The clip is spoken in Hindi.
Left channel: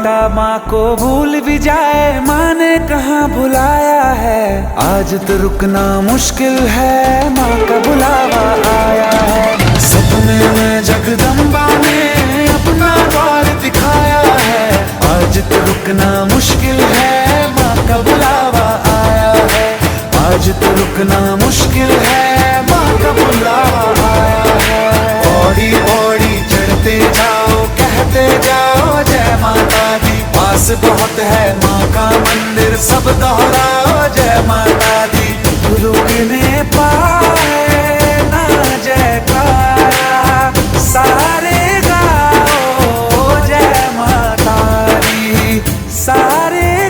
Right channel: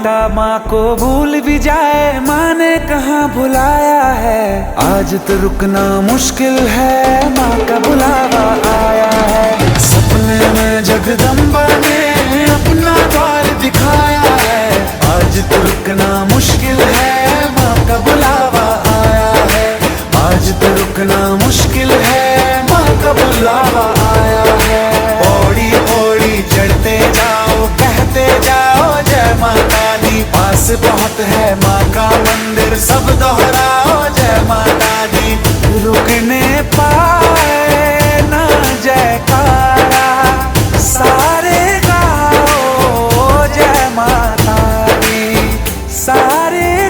बेटा माँ को भूल भी जाए, माँ ने कहाँ भुलाया है। आज तो रुकना मुश्किल है, माँ का बुलावा आया है। सपने में जगदम्बा ने अपना द्वार दिखाया है। आज तो रुकना मुश्किल है, माँ का बुलावा आया है। आज तो रुकना मुश्किल है, माँ का बुलावा आया है। पौड़ी पौड़ी चढ़ते जाओ, कहते जाओ जय माता दी। पास बहुत है माँ का मंदिर, सब दोहराओ जय माता